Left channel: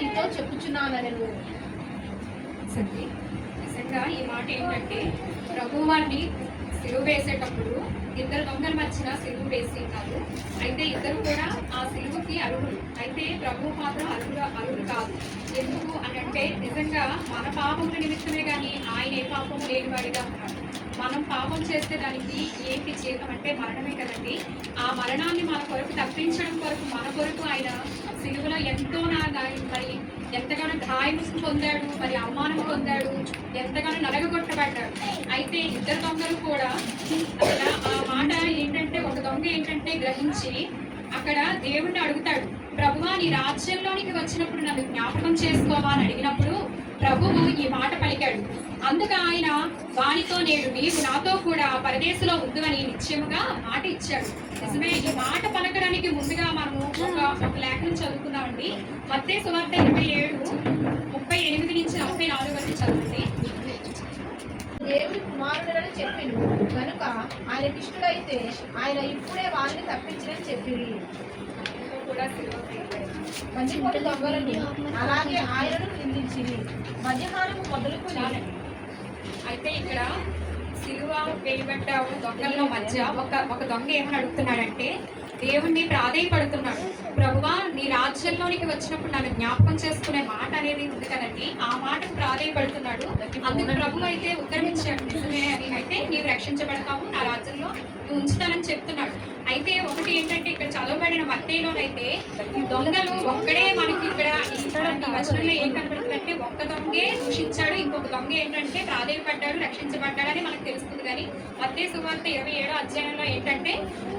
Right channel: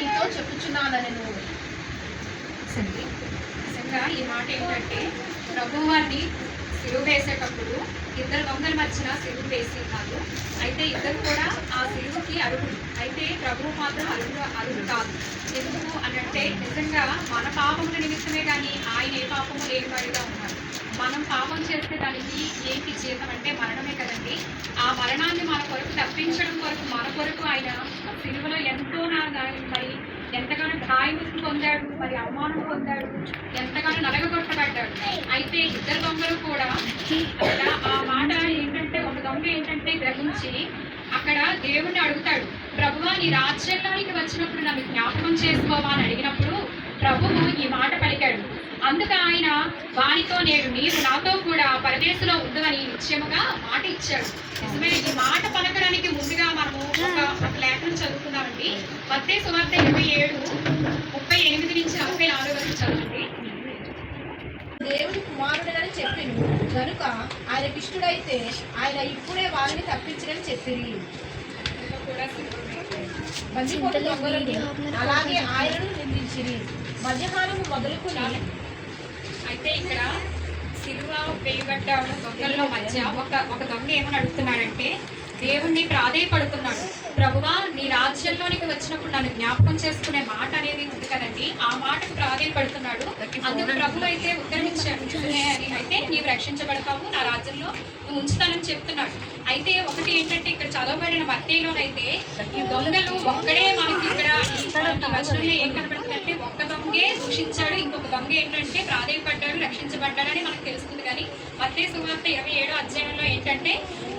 నీతో చెప్పుచున్నానను. నిజంగా ఈ మాట ఏంటంటే, ప్రభు వారిని సిలువ వేసేటప్పుడు ఇద్దరు దొంగల మధ్యన సిలువ వేసి ఉన్నారు. అయితే ఇద్దరు కూడా ఆ సిలువకి అర్హులు. అయితే ప్రభువు మాత్రం అర్హుడు కాదు. ఎందుకు అని అంటే, నిజంగా మన పాపముల నిమిత్తమే కానీ ఆయన ఏ పాపము లేనివాడిగా ఉన్నారు. మనం పాపం చేసేదానికి ఏంటి జీతం అంటే మరణమే కదండి. ఆ మరణాన్ని మన కొరకు తప్పించడం కొరకు మన కొరకు ఆయన సిలువలో ఎంతో మరి ఎంతగానో గాయములు పొందాడు, మరి అవమానం పొందాడు, ఎంతగానో నలగగొట్టబడ్డాడు. అయితే ఇద్దరు దొంగలు కూడా అక్కడ ఆ మాట ఏంటంటే, ఒక దొంగ ఏంటంటే గ్రహించి అక్కడ దేవుణ్ణి అడుగుతాడు, ప్రభువా నీ రాజ్యంలోనికి వచ్చినప్పుడు నన్ను జ్ఞాపకం చేసుకోవా అని అడిగినప్పుడు ప్రభువు ఈ మాట పలికాడు. అందుకు ఆయన వానితో నేడు నీవు నాతో కూడా పరదేశంలో ఉండువని నిశ్చయముగా మాట ఇచ్చాడు. నిజమే. ఈ మాట పలకడానికి ముందుగా మనము ఒక లేఖను చదువుకున్నామండి. మత్తయి సువార్త 27:38-44 వరకు చదువుతుంది. దేవుని కుమారుడని చెప్పిండు కనుక ఆయనకి ఇష్టడైతే ఆయన ఇప్పుడే వారిని తప్పించడని చెప్పింది. అలాగే ఆయనను నిందించింది. మధ్యాహ్నం మొదలుకొని అయితే ఇక్కడ సిలువ వేయబడ్డ దొంగల మధ్య ఒక దొంగ ఏమని అడుగుతున్నాడంటే, దేవుణ్ణి ప్రాధేయపడుతున్నాడు. ప్రభువా నీ రాజ్యంలోనికి వచ్చినప్పుడు నన్ను జ్ఞాపకం చేసుకునే మాట అనేది ఉంది కదండి, ఆ మాటకు ప్రాధేయపడుతున్నాడు. అందుకు ప్రభు అయితే ఉత్తరమిచ్చాడు అని, అయితే నీవు రక్షించబడతావు, నా రాజ్యంలో నువ్వు ఉంచుతానని చెప్తున్నాడు. అయితే ఒకటి ఏంటంటే, ఇక్కడ చదవబడిన మత్తయిలోనైతే ఈ దొంగలు ఒక్కడే మనకి ఇక్కడ వచనంలో ఏం కనబడుతుందంటే, ఒక్క దొంగే దూషించాడు, ఇంకొక దొంగ ఏంటంటే ప్రాధేయపడ్డాడు, రక్షించబడ్డాడని మనకు తెలుస్తుంది. కానీ మత్తయి సువార్త 27వ అధ్యాయంలో ఏంటంటే,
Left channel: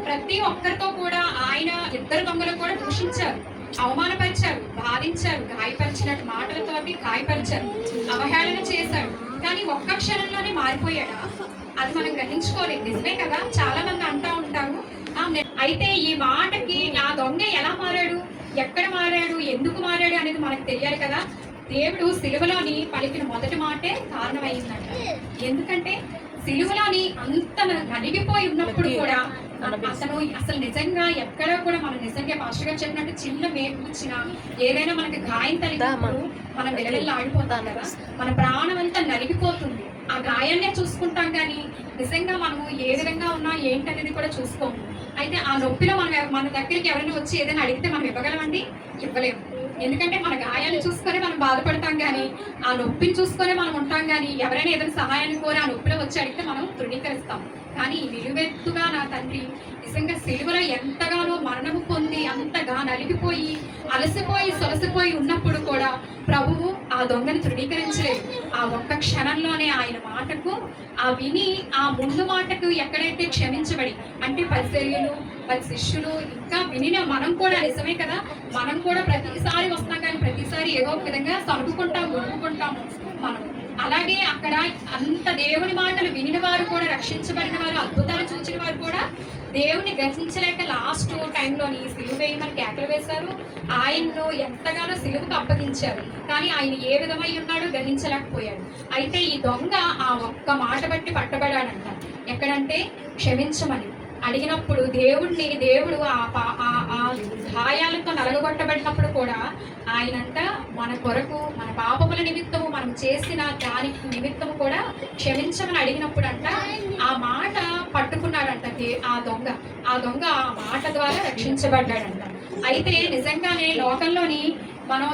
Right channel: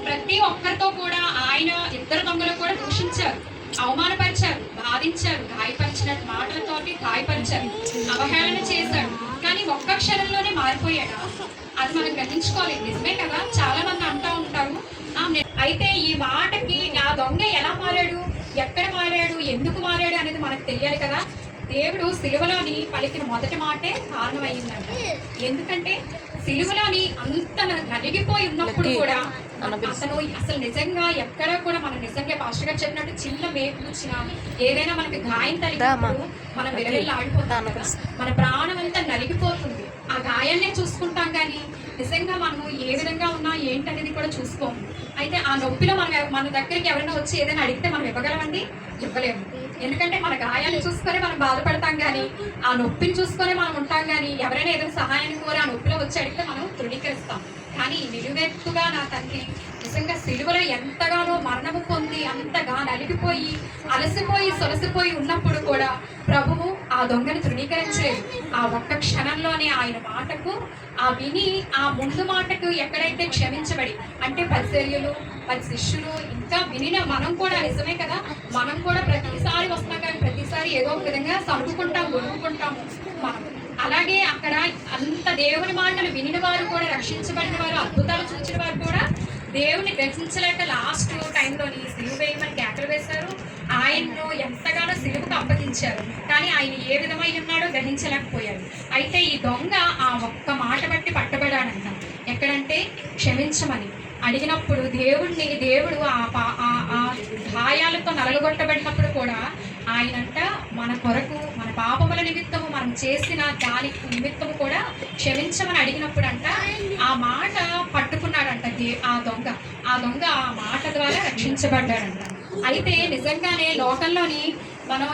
ప్రతి ఒక్కరితో కూడా ఆయన ఇద్దరు దొంగలు కూడా దూషించారు, అవమానపరిచారు, బాధించారు, గాయపరిచినట్టు మాటలతోటి గాయపరిచారు, అవహేళన చేశాడు. కానీ ఒక్క క్షణంలోనే మారిపోయాడా? అది మనం గ్రహించుకోవాలి. నిజమే కదా, చాలా మంది అంటూ ఉంటారు. అయితే ఈ మాటకి ఆ దొంగ ఎలా మారాడు, ఎక్కడ మారాడు, ఎందుకు మారాడు అనేది మనకు తెలియాలి కదా. దేవుడు సిలువలోని పలికిన మొదటి మాటే కారణమైందంట. ఎందుకంటే సిలువలోని అంత నలిగిపోయి ఉన్నప్పుడు కూడా అతను అసలు నిజంగా ఎక్కడ కూడా మనం నిజంగా పాస్టర్ గారు చెప్పినట్టు చిన్న మేపుచ్చిన ఏదైనా మనకి గాయం తగిలినప్పుడు మనం విలవిల్లా ఆడిపోతాం కదా, మన ప్రాణం అంతా నలిగిపోతుంది. ఆ గాయాన్నే చూసుకుంటాం కానీ నిజంగా మనము ఏ విధంగా ఉన్నా ఏంటనేది కూడా చూసుకోము. అయితే ఆ నొప్పిలో మన దగ్గరికి ఎవరైనా వచ్చి ఏదైనా అడిగితే మనం ఇవ్వగలమండి? ఇవ్వలేము. ఎందుకంటే మన గాయాన్ని చూసుకొని మనం బాధపడతాం కానీ, ఆ నొప్పిని చూసుకొని మనం ఉంటాం కానీ, ఎవరైనా ఏదైనా సహాయాన్ని కోరి ఆ నొప్పిలో వచ్చి అడిగితే మనం తృణీకరిస్తాం. కానీ నిలువెత్తుగా నా తండ్రి నిజంగా సిలువలో ఎంతగానో మరణము పొంది అంతగా నలిగిపోయి అలసిపోయి సొలసిపోయి ఉన్నప్పుడు కూడా ప్రభువు ఆ దొంగని తృణీకరించలేదు. ఆ ఒక్క క్షణంలోనే ఆయన మాటకు ఆ విని ఆ ముందు మాటకు ఎక్కడైతే క్షమించబడి, అంటే పరిసర్యులు 10 శిష్యులు ఇంకా వినిన మనం కూడా నిజమే కదా, మనం కూడా ప్రతిసారి వస్తాం కానీ ప్రతిసారి ఏదో ఒక విధంగా సర్దుకుంటాం, ఒప్పుకుంటాము మనం. అలాగే అక్కడ అంత దేవుని మాటలు వినిన వారు కూడా, రక్షించబడిన వారు, అద్భుతాలు చూచిన వారు కూడా దేవుని గ్రహించలేక లాస్ట్ టైంలోని సిలువ వేయమని కేకలు వేశారు. ఆయన్ను ఎంతగానో సిలువకు అప్పగించారు. కానీ ఆయన ఏ విధమై ఉన్నాడో గ్రహించలేకపోయాడు. అయితే ఈ దొంగ ఆ ఒక్క మాట బట్టి పట్టబడాడంట. ఎక్కడంటే క్షమించమని అడిగినప్పుడు దేవుడు ఆ గాయాలతో నలగొట్టబడినప్పుడు కూడా ఆయనంట మన కొరకు, మన పాపముల నిమిత్తము మనం చేసిన దానికి నిమిత్తము కూడా క్షమించమని అడిగినప్పుడు అంట ఆ మాట పట్టుకున్నాడంట ఆ దొంగ ఆ మాట ద్వారా రక్షించబడ్డాడంట. అయితే నిజంగానే లోకంలోని మనం